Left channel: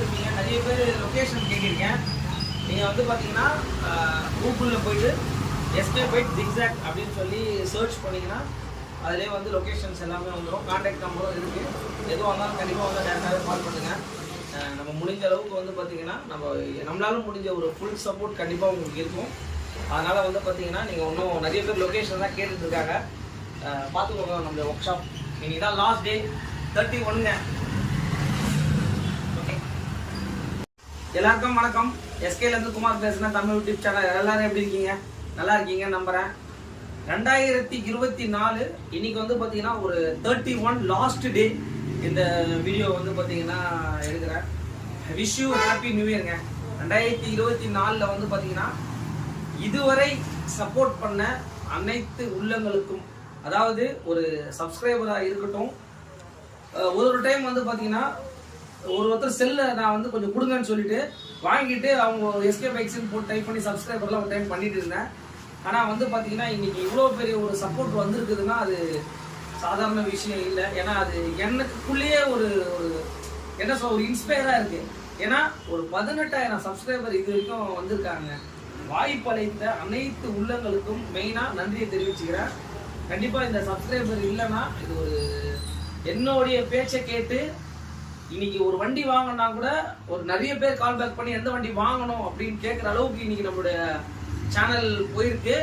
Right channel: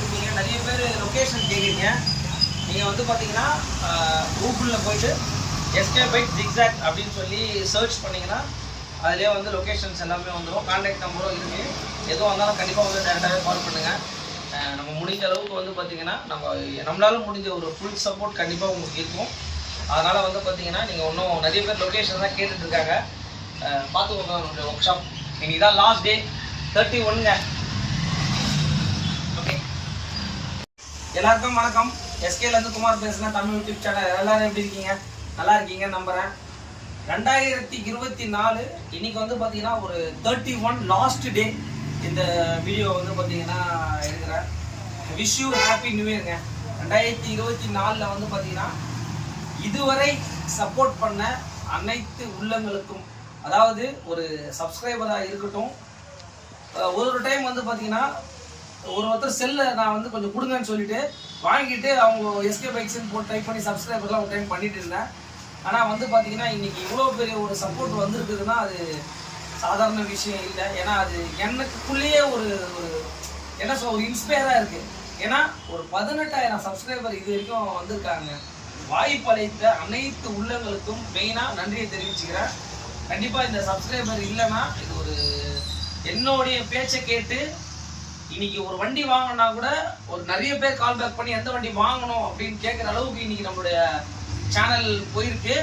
பார்த்துருப்பீங்க. நிறைய பேர் லொக்கேஷன் கேட்குறீங்க. நீங்கள் வந்து பார்த்தீங்கன்னா கூகுளில் போயிட்டு எஸ்கே பைக் ஜிக்ஸாக் அப்படின்னு சொல்லி சர்ச் பண்ணிங்கன்னா அதிலே வந்து லொக்கேஷன்ஸ் எல்லாமே வந்துடும். கான்டாக்ட் நம்பரும் இருக்குது. எதுவும் வந்தாலும் கண்டிப்பாக வந்து டேரெக்டாகவே கால் பண்ணுங்கள். நம்ம முடிஞ்ச அளவுக்கு வந்து பார்த்திங்கன்னா நம்மளால முடிஞ்ச ஒரு ஃபுல் சப்போர்ட் கண்டிப்பாக உங்களுக்கு இருக்கும். அதனால் வந்து பார்த்திங்கன்னா நீங்கள் இன்னும் நிறைய பேர் லொக்கேஷன் தான் கேட்டுட்ருக்காங்க. பார்த்துக்கோங்க நம்மளுடைய ஒர்க் ஷாப். இன்னைக்கு தான் லாஸ்ட் டே 31ங்க. ஓகே, எல்லாருக்கும் வணக்கம். எஸ்கேலேருந்து குமார் பேசுகிறேன். Tamil YouTube channel. எல்லோரும் எப்படி இருக்கீங்க? நல்லா இருக்கீங்கன்னு நம்புகிறேன். 2024 இன்னைக்கு வந்து பார்த்தீங்கன்னா ஒரு 31 லாஸ்ட் டே. இந்த வீடியோ வந்து பார்த்தீங்கன்னா எடுக்கிறேன். விஷ் யூ ஹாப்பி நியூ இயர்ங்க. 2024 வந்து பார்த்தீங்கன்னா இதுவரை சப்போர்ட் பண்ண அனைத்து உள்ளங்களுக்கும், அதாவது ஒரு சப்ஸ்கிரைபராக இருக்கட்டும், ஒரு டைம் வந்து பார்த்தீங்கன்னா ஒருத்தர் செல்லை நான் வந்து கொஞ்சம் கொடுங்கன்னு சொல்லிட்டு வாங்கிட்டு அவங்க எஸ்கே பைக்ஸ்ன்னு போட்டு டைப் பண்ணி சப்ஸ்கிரைபர்லாம் ஒரு டைம் பண்ணிட்டு இருந்தேன். ஆனால் வந்து பார்த்தீங்கன்னா இன்னைக்கு இவ்வளோ பெரிய ஒரு சப்போர்ட் வந்திருக்குதுன்னா அது சாதாரண விஷயம் இல்லை. ஏன்னா அது எனக்குள்ளேயே ஒரு என்ன சொல்ல ஒரு இன்ஸ்பயராக இருக்குது. ஏன்னா ஒரு 18,000 சப்ஸ்கிரைபர் இது வரைக்கும் வந்திருக்காங்க. வாய்ப்பளித்த அனைத்து உள்ளங்களுக்கும் மெயினாக நன்றியை தெரிவிச்சுக்கிறேன். கண்டிப்பாக இந்த சப்ஸ்கிரைபர் இல்லைன்னா இது ஒரு என்னுடைய பேச்சை கேட்டு இன்னைக்கு ஒரு வண்டி வாங்கினா கூட ஒரு நிறைய பேர் கால் பேக் பண்ணி எந்த வண்டி வாங்கணும் அப்படின்னு கேட்குற அளவுக்கு இன்னைக்கு நம்மளுடைய சேனல் போயிருக்கு.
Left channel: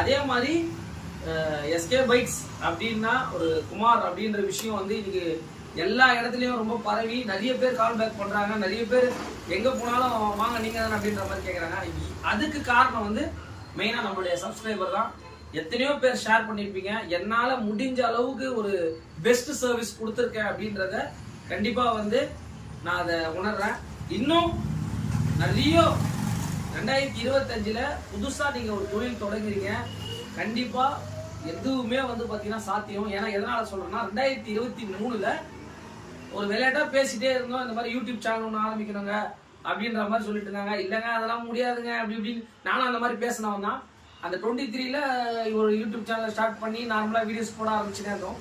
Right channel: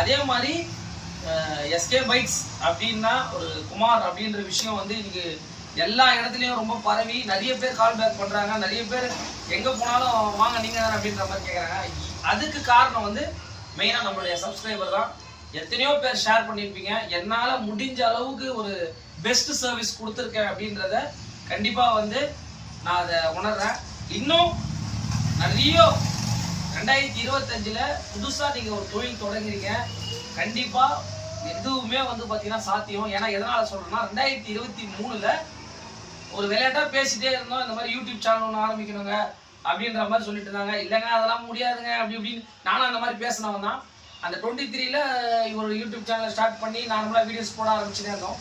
அதே மாதிரி எஸ்கே பைக்ஸ் அப்படின்னா ஒரு குமார் அப்படின்ற விஷயம் வந்து இன்னைக்கு எல்லா இடத்துலையும் ரொம்ப பரவி நிறைய பேர் கால் பேக் பண்ணுறாங்க. நிறைய பேர் எங்கே போனாலும் வாங்க நீங்கள் தானே அப்படின்ற மாதிரி கேட்குறாங்க. அதுக்கு காரணம் வந்து மெயினாக நம்மளுடைய சப்ஸ்கிரைபர் தான். எத்தனையோ பேர் ஷேர் பண்ணியிருப்பீங்க. என்னால் முடிஞ்ச அளவுக்கு ஒரு பெஸ்ட் சர்வீஸ் கொடுத்துருக்கேன் அப்படின்றத கண்டிப்பாக வந்து நான் அதை உணர்றேன். இன்னும் நிறைய 2025 புதுசாக நீங்கள் ஒரு தொழில் தொடங்குறீங்க. கண்டிப்பாக எதுவுமே வந்து பார்த்தீங்கன்னா சாத்தியம். ஏன்னா எதனால் சொல்கிறேன்னா 2023 ஒரு விளையாட்டாக பேசிகிட்டே இருந்தோம். இந்த மாதிரி யூடியூப் சேனல் ஒன்று ஆரம்பிக்கணுங்க அப்படின்ற மாதிரி சொல்லிட்டு இருந்தாங்க. இல்லைங்க அதெல்லாம் முடியாதுங்க அப்படி இப்படின்னு நானும் அந்த மாதிரி பேசினவன் தான். அந்த 23 ஒரு யூடியூப் சேனலை ஸ்டார்ட் பண்ணி நார்மலாக வீடியோஸ் போட ஆரம்பிச்சுட்டே இருந்தோம்.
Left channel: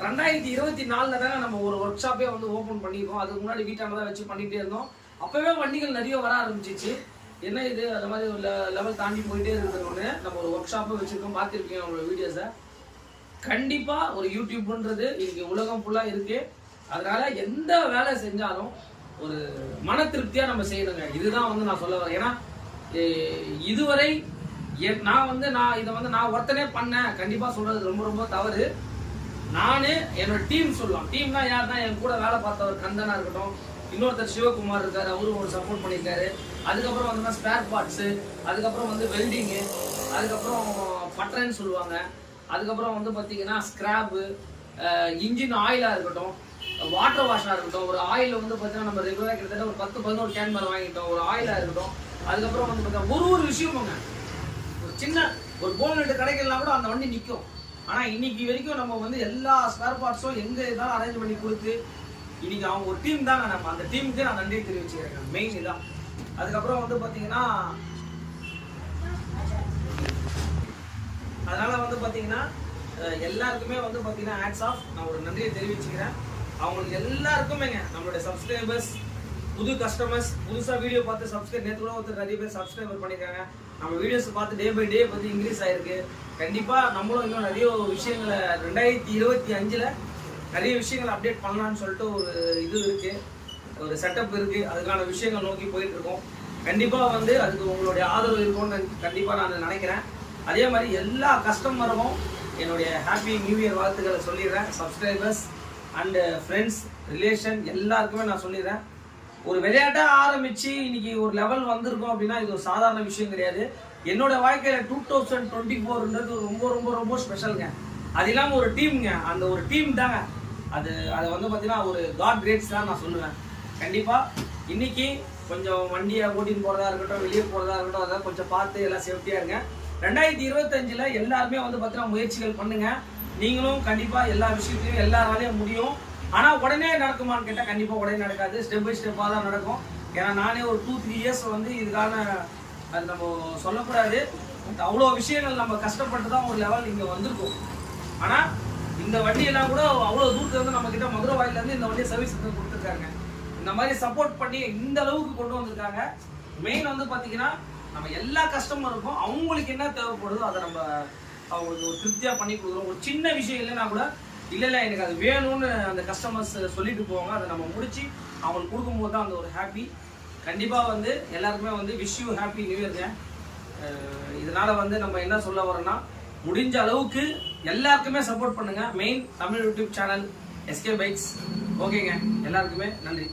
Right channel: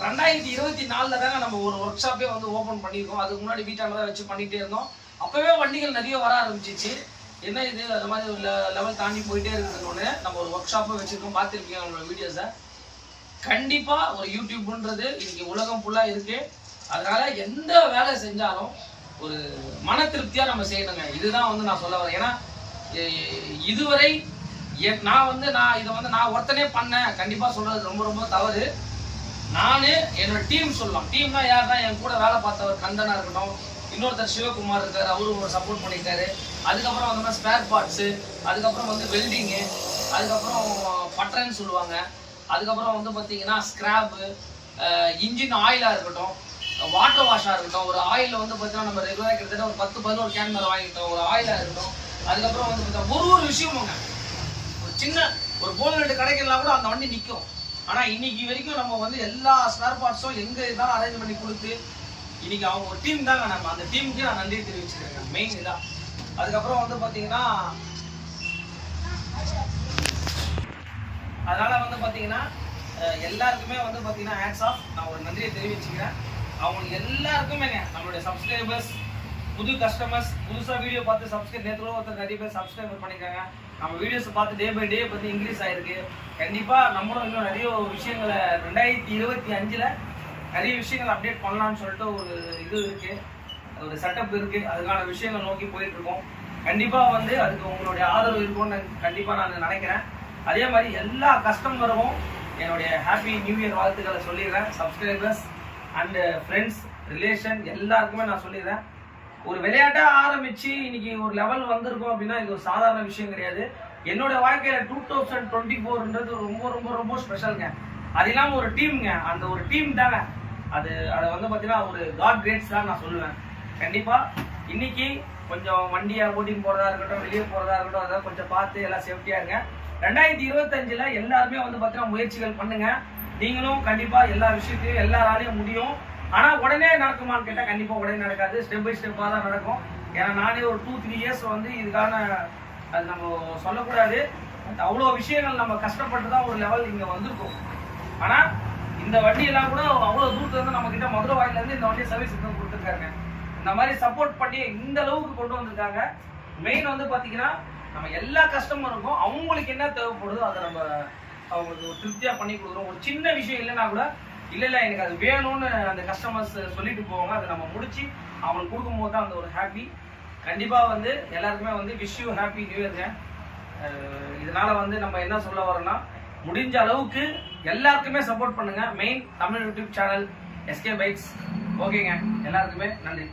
2024 தாங்க நம்ம ஒரு ஒர்க் ஷாப்பே வந்து ஓப்பன் பண்ணியிருக்கோம். அதுக்கு முன்னாடி வீட்டால் தான் வச்சு பண்ணிகிட்டே இருந்தோம். அப்போவே வண்டிகள் நிறைய வர ஆரம்பிச்சிச்சு. என்ன இது அந்த மாதிரி ஒரு லெவல் தாண்டி போயிட்டே இருக்குதுன்னு நம்ம ஒரு ஒர்க் ஷாப்பை வச்சுருக்கோம். பார்த்துருப்பீங்க நம்மளோட வீடியோஸை. கண்டிப்பாக ஒரு யூடியூப்ன்றது இன்னைக்கு உலகம் ஃபுல்லாக இருக்குது. அதனால் எந்த வேலை செஞ்சாலும் ஒரு மன திருப்தியாக நம்ம செய்யணுங்க. இதுதான் வந்து நான் சொல்ல வரேன். ஏன்னா இதுவரை நான் இதை வந்து நான் ஒருத்தனே பண்ணேன் கண்டிப்பாக சொல்கிறது ரொம்ப ரொம்ப தவறு. நான் என்னோட டீம் சொல்லலாம். டீம்னா யார் தான்? என் கூட வேலை பார்த்தவர் கந்தனா இருக்கட்டும், இன்னொருத்தர் சிவகுமார் இருக்கார், அவரும் ஒரு சப்போர்ட் பண்ணியிருக்காரு. அதுக்கப்புறம் வந்து மாதிரி ஸ்பேர் பார்ட்ஸு, அதுக்கப்புறம் வந்து வெல்டிங்கு, அதுக்கப்புறம் பட்டரன்னு சொல்லுவாங்க, அதுக்கப்புறம் வந்து பார்த்தீங்கன்னா ஸ்க்ராப்பு, இன்ஜின் ஆயிலாக இருக்கட்டும், வாட்டர் வாஷாக இருக்கட்டும். ஒரு ஆயில் வந்து பார்த்தீங்கன்னா நம்ம ரெகுலராக கிட்டத்தட்ட ஒரு 10-11 கேன் மேலே வாங்கிட்டோம். ஒரு ஆயிலாக இருக்கட்டும். அதுக்கப்புறம் வந்து பார்த்தீங்கன்னா ஒரு விஷயமுங்க, ஒரு சின்ன ஒரு போல்நெட்டு கிடைக்கலாம் கூட அந்த வண்டி நிற்கும். ஆனால் இன்னைக்கு வரைக்கும் நம்ம வந்து எல்லா ஸ்பேர் பார்ட்ஸும் எங்கே இருந்தாலும் அரேஞ்ச் பண்ணி கொடுத்து இன்னைக்கு அவங்க ஒரு டீம் தாங்க. நம்ம அந்த டீமுக்கு நான் நன்றி தெரிவிச்சுருக்கேன். மெயின் இதான். அதுக்கப்புறம் வந்து பார்த்தீங்கன்னா அதனால் வந்து பார்த்தீங்கன்னா எல்லாருக்குமே வந்து பார்த்தீங்கன்னா ஹேட்ஸ் ஆஃப். நான் ஒரு நன்றியை தெரிவிச்சுக்கிறேன். அவங்களுக்கு எல்லாருக்குமேங்க நம்மளுடைய சப்ஸ்கிரைபர்ஸ், புது கஸ்டமர்ஸ், புதுசாக வீடியோ பார்த்து நேற்று ஒருத்தர் நிறைய பேர் சப்ஸ்கிரைபர் பண்ணியிருக்காங்க. நம்ம வீடியோஸை பார்த்து டே பை டே வந்து இன்க்ரீஸ் ஆகிருக்கு. கண்டிப்பாக நம்மளும் இன்னும் நிறைய விஷயங்களை 2025 நிறைய விஷயங்களை அப்டேட் பண்ணலாம்னு சொல்லிட்டு ஒரு இது இருக்குது, ஒரு செட்டப் இருக்குது. அதுக்கான விஷயங்கள் நோக்கி போயிட்டுருக்கோம். கண்டிப்பாக வந்து அதுக்கு உங்களுடைய ஆதரவு இருக்கும்னு கண்டிப்பாக நான் நினைக்கிறேன். அதே மாதிரி எல்லா கஸ்டமரும் என்னுடைய ஹாப்பி நியூ இயர் வாழ்த்துக்களை சொல்லிடுறேன். சப்ஸ்கிரைபர்ஸ் அண்டு ஃப்ரெண்ட்ஸ், ரிலேஷன் எல்லாருக்குமே நான் சொல்லிடுறேன். ஒரு விளையாட்டாக ஆரம்பித்து இன்னைக்கு ஒரு லெவல் வந்திருக்கும் அப்படின்னா இது ஒரு சாதாரண விஷயம் கிடையாது. என்னோட வாழ்க்கையில் 2024ன்றது ரொம்ப ரொம்ப ரொம்ப ஸ்பெஷலுங்க. அது இல்லாமல் ஒரு டீமுங்க. அந்த ஒரு டீம் தாங்க அதை வந்து பார்த்தீங்கன்னா ஒரு காட் கிரேட்ஸ் தான் நான் சொல்லுவேன். கண்டிப்பாக இன்னைக்கு கொஞ்சம் வண்டியை ஓட்டின்னு போகிறதா இருக்கட்டும், வெளியே போகிறதா இருக்கட்டும், அதெல்லாம் கொஞ்சம் பார்த்து எல்லாம் சேஃப்டியாக இருங்க. 2025 எல்லாருமே வந்து பார்த்தீங்கன்னா முயற்சிகள் பண்ணுங்கள். நீங்களும் கண்டிப்பாக எல்லா விஷயத்தையும் எல்லாராலையும் முடியும். ஆனால் உடனே நடக்குமான்னு கேட்டால் கண்டிப்பாக உடனே நடக்காது. ஸ்டெப் பை ஸ்டெப்பாக தான் நடக்கும். ஏன்னா நானே ஒரு 2-3 இயர்ஸ் வந்து இதுக்கான அது நம்ம சொல்லக்கூடாது. பட் அவ்வளோ விஷயங்கள் நம்ம கஷ்டப்பட்டு தான் ஒரு லெவல் இங்கே வந்திருக்கோம். ஆனால் இந்த வண்டியெல்லாம் கூட அவ்வளோ தூரத்துலேருந்து நம்மக்கிட்ட மதுரை வாயிலேருந்து இந்த வண்டியை சர்வீஸ் கொடுத்துருக்காங்க. இந்த மாதிரி சப்போர்ட் பண்ணி இந்த அளவுக்கு கொண்டு வந்திருக்காங்க. மெயின் வந்து பார்த்தீங்கன்னா நம்ம எல்லா கஸ்டமருக்கும் அவங்களுக்கு என்ன தேவைப்படுதோ அதை நம்ம அவங்களுக்கு ஒரு திருப்தியாக பண்ணி கொடுக்குறோம். ஒரு சின்ன விஷயம் இல்லைன்னா கூட இல்லை எனக்கு அது வேணும்னு அந்த கஸ்டமர்ஸ் சொல்லிட்டு போவாங்க. அதை நம்ம முடிச்சு அவங்களுக்கு கொடுக்கும்போது தான் அந்த ஒரு ஹாப்பி. கண்டிப்பாக வந்து எல்லாருக்குமே வந்து விஷ் யூ ஹாப்பி நியூ இயர்ங்க. இதனால் வந்து நம்ம என்ன சொல்ல வரோம்னா, முடிஞ்ச அளவுக்கு எல்லாருக்குமே சப்போர்ட் பண்ணுங்கள். Main Tamil YouTube channel SK bikes. ஓகேங்க, எல்லாருக்குமே நன்றி.